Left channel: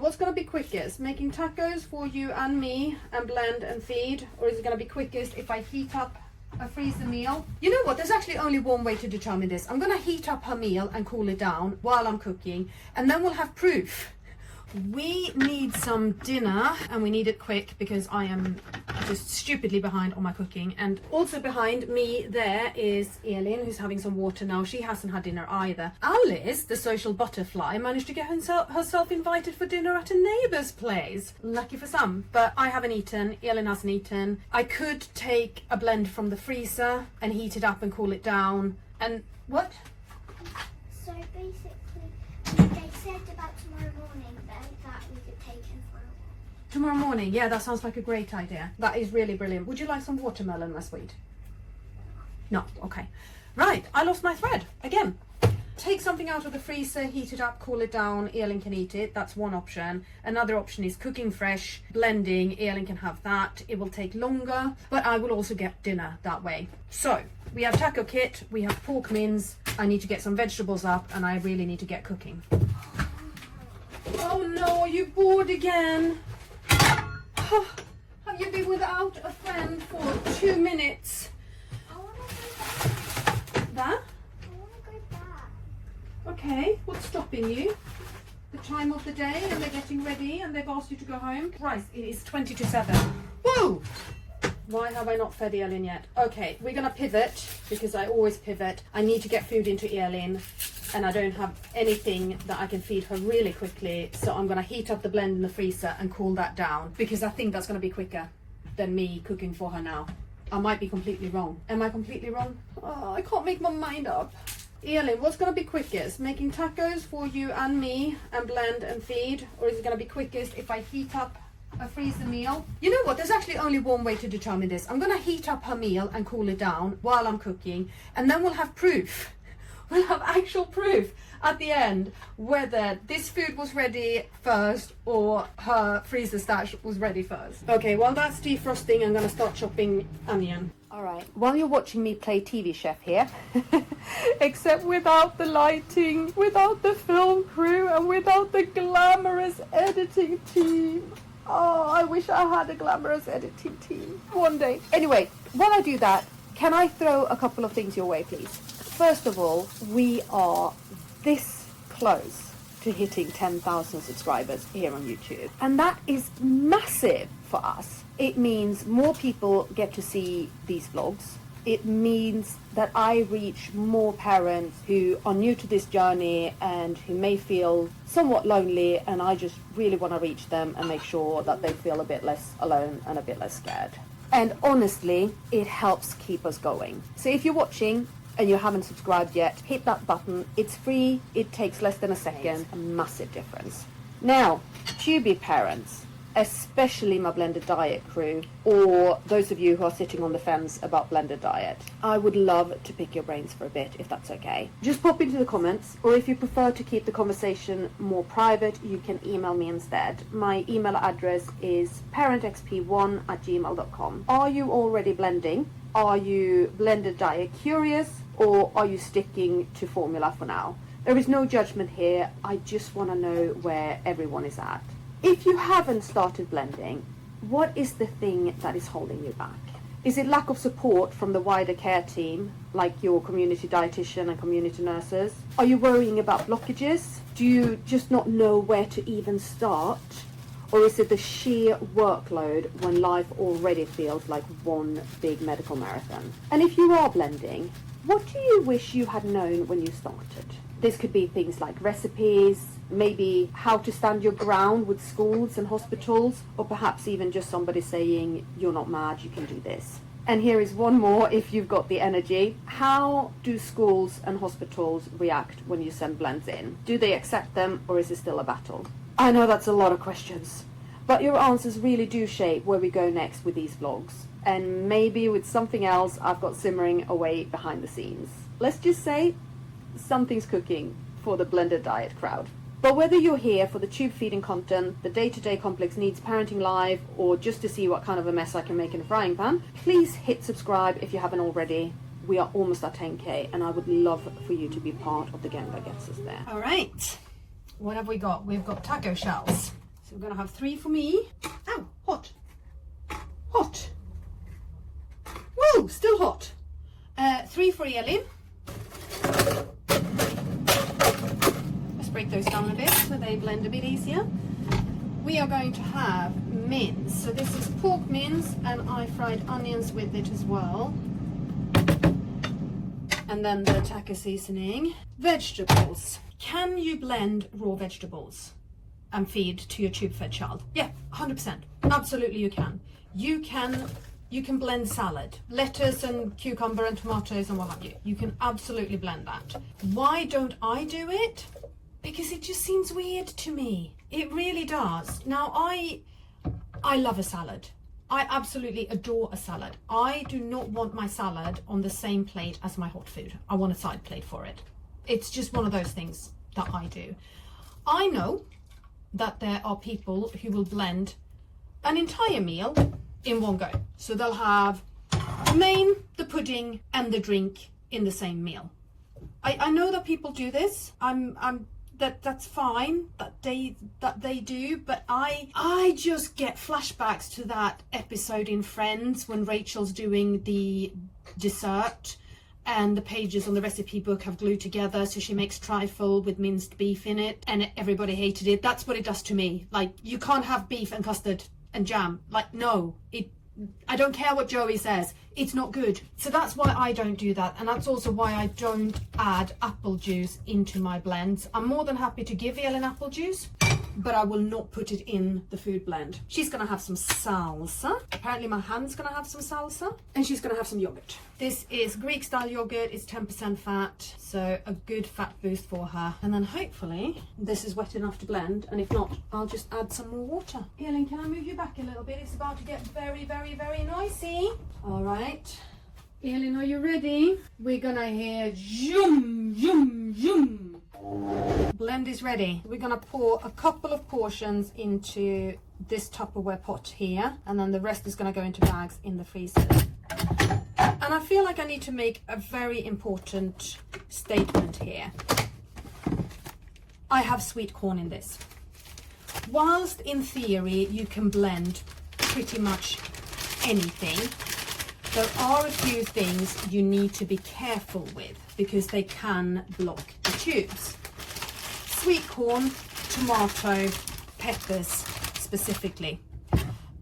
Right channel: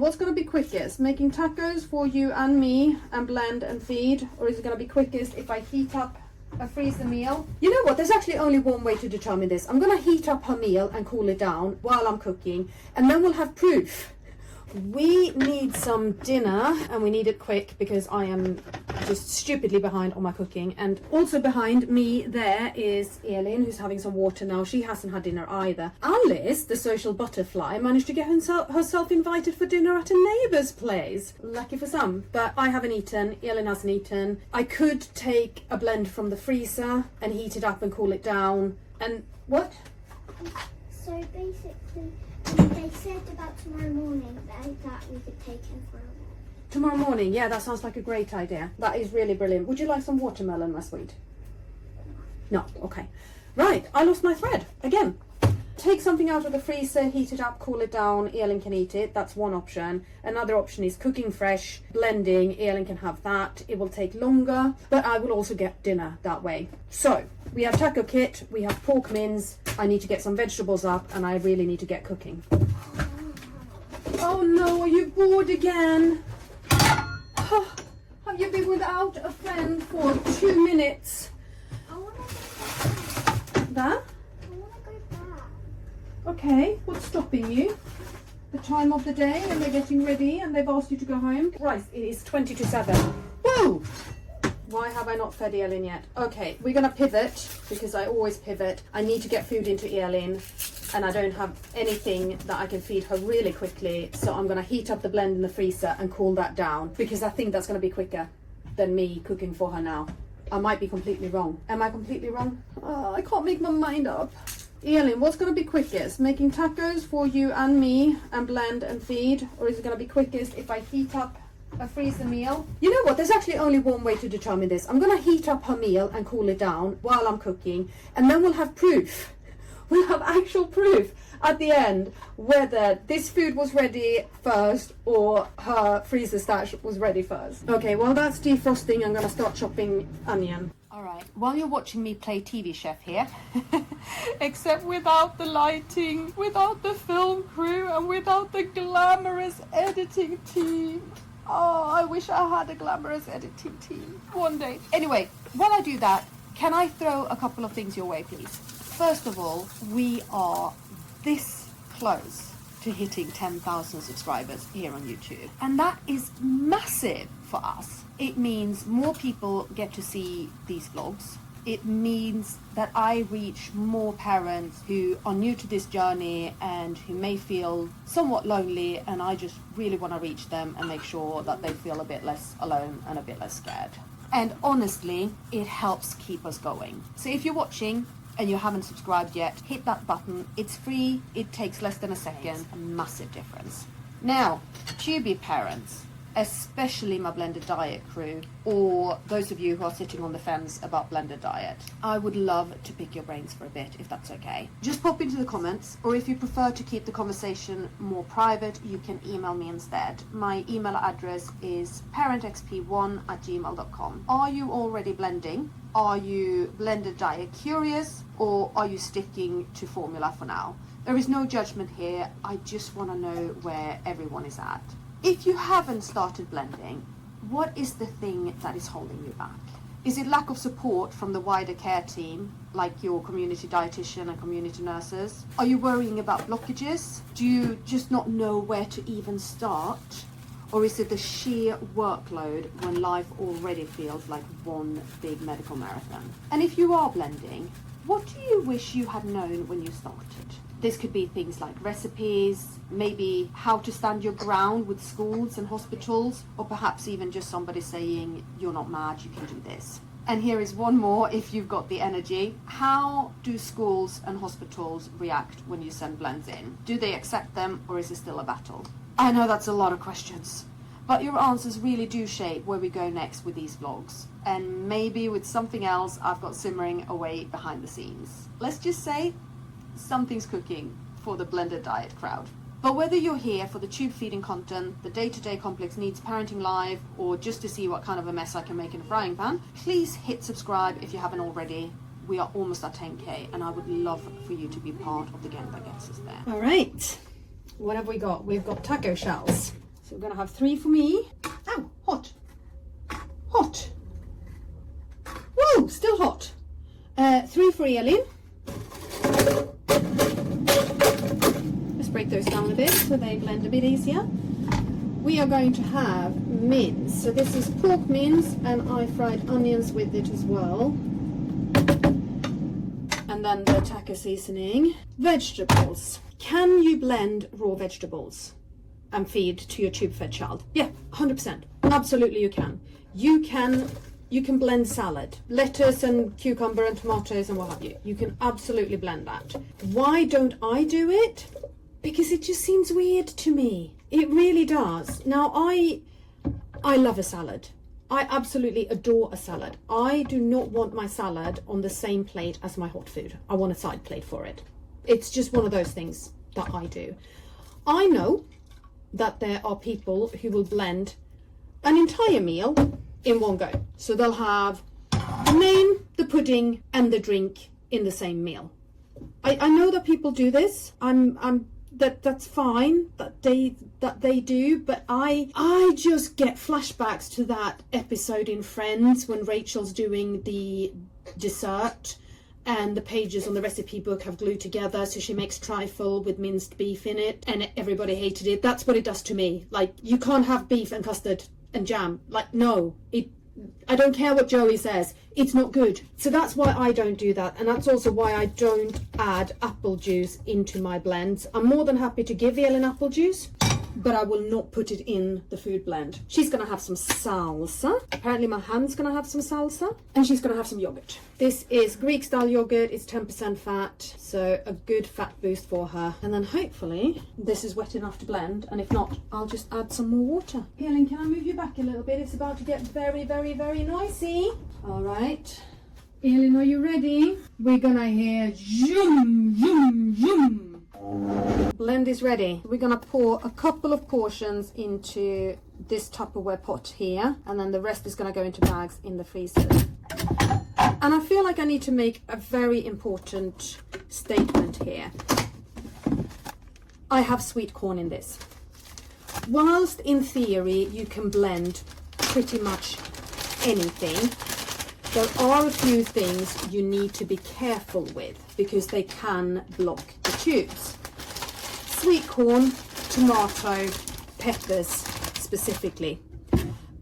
What's going to be quickest? Making tacos for you and me and blend and feed? Or is it going to be quickest if I heat up a freezer meal? You know what? There's actually only one way to determine this. I'm going to heat up her meal and cool it down while I'm cooking, and then we'll have proof. We need some dinner, and we need it quick because I am just stupidly behind on my cooking. And also behind me there is Elin, who's having some water now. She hasn't had dinner either. Alice, the social butterfly, managed to get herself invited for dinner at a neighbour's place. Lucky for some, but I haven't eaten. Elin hasn't eaten. I could take a blend from the freezer and heat it up and cool it down. And what? So basically, they said about tomorrow morning that we could take him for a walk. Tomorrow morning? Yeah, that sounds like a great idea. That is really brilliant. Would you like some watermelon, my sweet? No? Okay. Right, I lost my thread again. Take something out of the freezer, heat it up, cool it down. Elin can eat it. That's one option. Another option is cooking fresh, blending. Elin can have that. It will take longer, but I will also get dinner that way. So we have taco kit, we have pork mince. I need to get some vegetables up, and I really need to get cooking. Oh no, are you bored again? Have you been without a friend for 2 minutes? I want to go back. That? I want to go back. Okay, what's stopping you? The time of the day, and they're getting ready, and they've asked you to go home. Right, it is 20 to 7. Whoa! Why have I not fed Elin yet? Okay, we're gonna pivot, because I always pivot. I need to get food into Elin, and I don't have anything that I can feed her really quickly, so I'm gonna heat up the blend in the freezer and cool that down, because I think that's gonna be quicker than me cooking for her now. I might be completely wrong. Am I completely wrong? Oh, I can't make my mind up. Elin, what's going to be quickest? Making tacos for you and me and blend and feed? Or is it going to be quickest if I heat up a freezer meal? You know what? There's actually only one way to determine this. I'm going to heat up her meal and cool it down while I'm cooking, and then we'll have proof. We'll have actual proof at the end whether this food was ready first or her freezer stash was ready first. Okay, while that's defrosting, I'm going to start chopping onion. All right, while you're watching me play TV chef here, except without the lighting, without the film crew, and without the glamorous editing team. Oh, I wish I had a glamorous editing team one day. Anyway, while I do that, can I throw a couple of things your way, please? First of all, we are this close to hitting 10,000 subscribers here on YouTube. And that is massive for us. It means more people get to see these vlogs. It means that I reach more parents who are new to this journey and who may feel somewhat lonely, and I just really want to reach them and make sure that they feel a bit less alone and a bit less scared. And honestly, it helps keep us going. So if you're watching and you haven't subscribed yet, hit that button. It's free. It takes less than a second. A massive difference. Now, QB parents, especially my blended diet crew, or those of you who are sitting on the fence about blended diet, I would love to pick your brains for a bit, if that's okay. Just pop into the comments, or if you prefer to keep the conversation more private, you can email me instead. My email address is parentxp1@gmail.com. Are you already blending? Are you blended diet curious, or are you sticking to formula for now? There is no judgment here. I just want to know where everyone is at. If you haven't started blending, what is the thing that is holding you back? Is it lack of support from the wider care team, like your community dietitian and community nurses? Are you worrying about blockages? Do you just not know where to even start? Or is it the sheer workload when life already feels like one big medical marathon? And if you are blending, what do you wish you had known when you started? This could be things like recipes, maybe how to stand your ground with schools and hospitals, or perhaps even just somebody saying, you're not mad, you can do this. And here is one more if you've got the energy. How do schools and hospitals react when you send blends in? Do they accept them, or is it still a battle? I know that's a lot of questions, but your answers really do shape where we go next with these vlogs. And maybe with something else I've got simmering away behind the scenes. Let's just say something's cooking for the blended diet crowd. But whether you're here for the tube feeding content, the day-to-day complex needs parenting live, or just to see what kind of a mess I can make in a frying pan, please hit subscribe if you haven't already. We are almost at 10k, and I would love for you to be part of the gang that gets us there. All right, what have we got? We've got taco shells. we're gonna have 3 for me. Ow, hot. Hot. Woo, still hot. 3 for Elin. Let's break those down a bit so they blend a bit easier. We are going to have mince. So this is pork mince, and I fried onions with it as well. And then the taco seasoning. Vegetables. Can you blend raw vegetables and feed to your tube-fed child? Yeah, 100%. Absolutely you can. You can blend salad, lettuce and cucumber and tomatoes and what have you. You can absolutely blend that. Why don't I do it? Because it just seems weird to me. It really does. Now, I love a salad. I absolutely adore a salad. I do not want my salad on the same plate as my hot food. I want a side plate for it. It's just one of those things that I do. I know that there are people who will blend an entire meal in one go. So they'll have the main, the pudding, and the drink in the same meal. I know that people do this. That's fine that they do, but I just get flashbacks to that episode in Friends when Rachel's doing the dessert and the pages on the recipe book have glued together, so she makes trifle with minced beef in it and everybody hated it. That's what it does to me. Like, you can't have beef and custard and jam. Like, no, I don't care what Joey says, it's not good. So that's why I don't do that, and that's also why I don't add apple juice into my blends. I'm more than happy to give Elin apple juice, but I will not put it in the food blend. She's gonna have some salsa. Apparently my hand's gonna have some salsa, and she's gonna have some yogurt. This is Greek style yogurt. It's 10% fat, so a good fat boost for her. And then hopefully this is wet enough to blend, and if not, I'll just add some more water. Elin, can I move you back a little bit? It's about to get very, very, very noisy. All right, Elin, are you ready? We're gonna hear zoom, zoom, zoom. Blend is ready. We're gonna pour a couple of portions into this Tupperware pot here, and then the rest is gonna go into bags in the freezer. And I feel like I need to make a very important statement here. I have sweet corn in this. Whilst in theory you can blend pretty much anything, there are a few things you need to be careful with because they can block the tubes. Sweet corn, tomato, peppers specifically,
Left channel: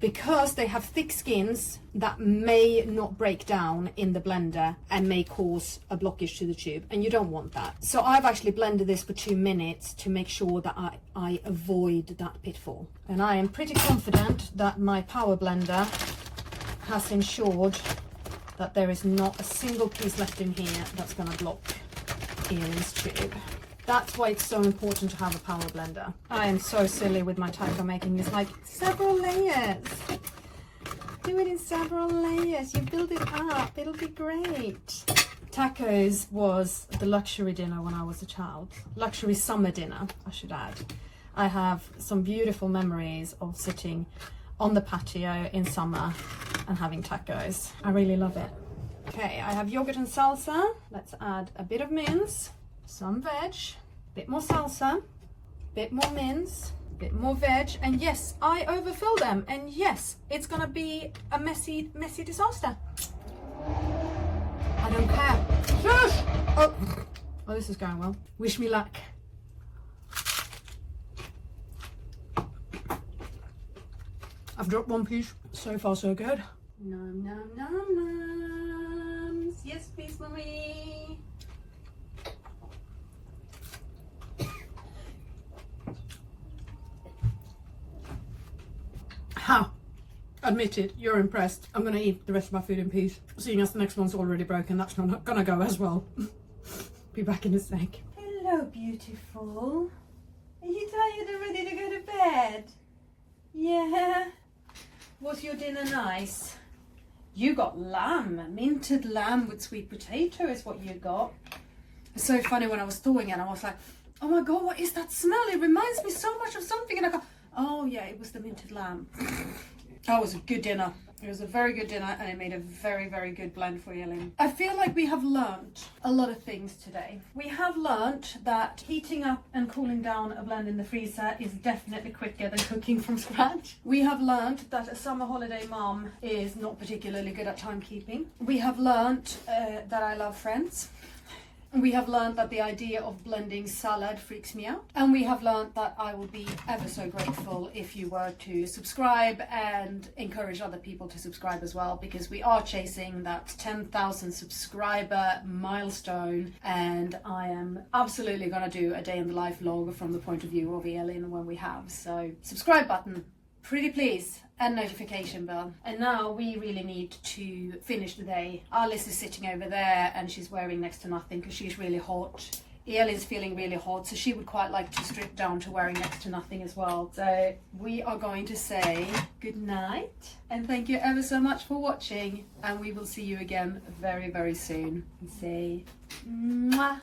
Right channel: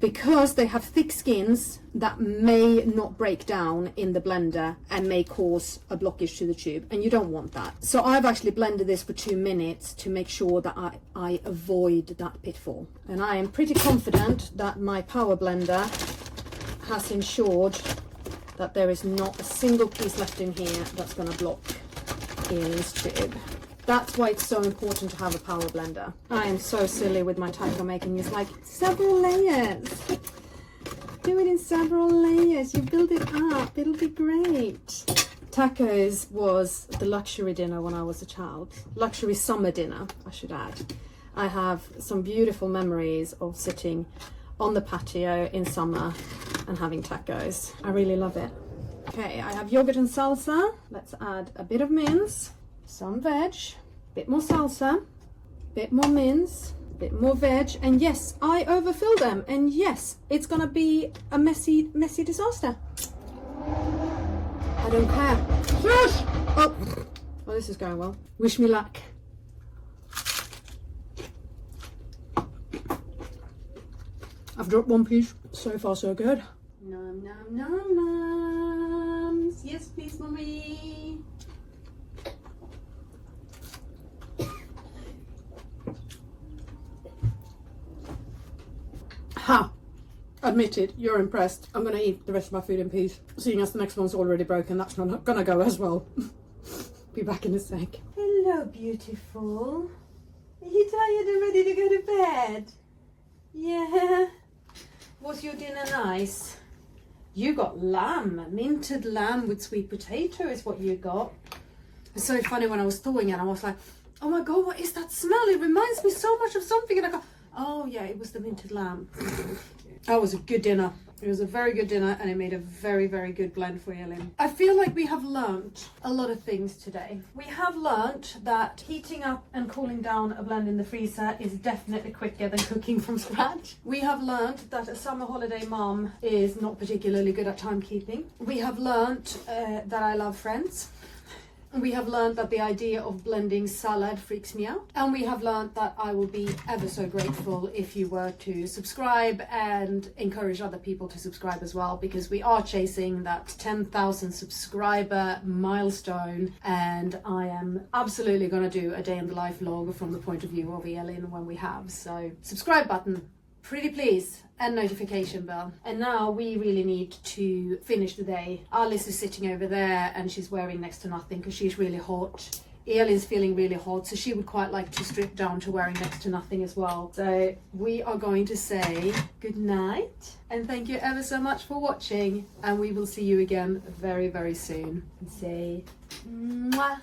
because they have thick skins that may not break down in the blender and may cause a blockage to the tube, and you don't want that. So I've actually blended this for 2 minutes to make sure that I avoid that pitfall. And I am pretty confident that my power blender has ensured that there is not a single piece left in here that's going to block Elin's tube. That's why it's so important to have a power blender. I am so silly with my taco making. It's like several layers. Do it in several layers. You build it up. It'll be great. Tacos was the luxury dinner when I was a child. Luxury summer dinner, I should add. I have some beautiful memories of sitting on the patio in summer and having tacos. I really love it. Okay, I have yogurt and salsa. Let's add a bit of mince, some veg, a bit more salsa, a bit more mince, a bit more veg, and yes, I overfill them, and yes, it's gonna be a messy disaster. I don't care. Shush! Oh, this is going well. Wish me luck. I've dropped one piece. So far, so good. Nom nom nom noms. Yes, please, Marie. Ha! Admit it, you're impressed. I'm gonna eat the rest of my food in peace. Seeing as the next one's already broken, that's not gonna go as well. Be back in a sec. Hello, beautiful. Are you tired and ready to go to bed? Yeah. Was your dinner nice? You got lamb, minted lamb with sweet potato is what you got. It's so funny, when I was thawing it, I was like, oh my god, what is that smell? It reminds me so much of something. And I go, oh yeah, it was the minted lamb. That was a good dinner. It was a very good dinner and it made a very, very good blend for Elin. I feel like we have learnt a lot of things today. We have learnt that heating up and cooling down a blend in the freezer is definitely quicker than cooking from scratch. We have learnt that a summer holiday mom is not particularly good at timekeeping. We have learnt that I love Friends. We have learned that the idea of blending salad freaks me out. And we have learned that I will be ever so grateful if you were to subscribe and encourage other people to subscribe as well, because we are chasing that 10,000 subscriber milestone, and I am absolutely going to do a day in the life vlog from the point of view of Elin when we have. So subscribe button, pretty please, and notification bell. And now we really need to finish the day. Alice is sitting over there and she's wearing next to nothing because she's really hot. Elin's feeling really hot, so she would quite like to strip down to wearing next to nothing as well. So we are going to say good night and thank you ever so much for watching, and we will see you again very, very soon. Say mwah.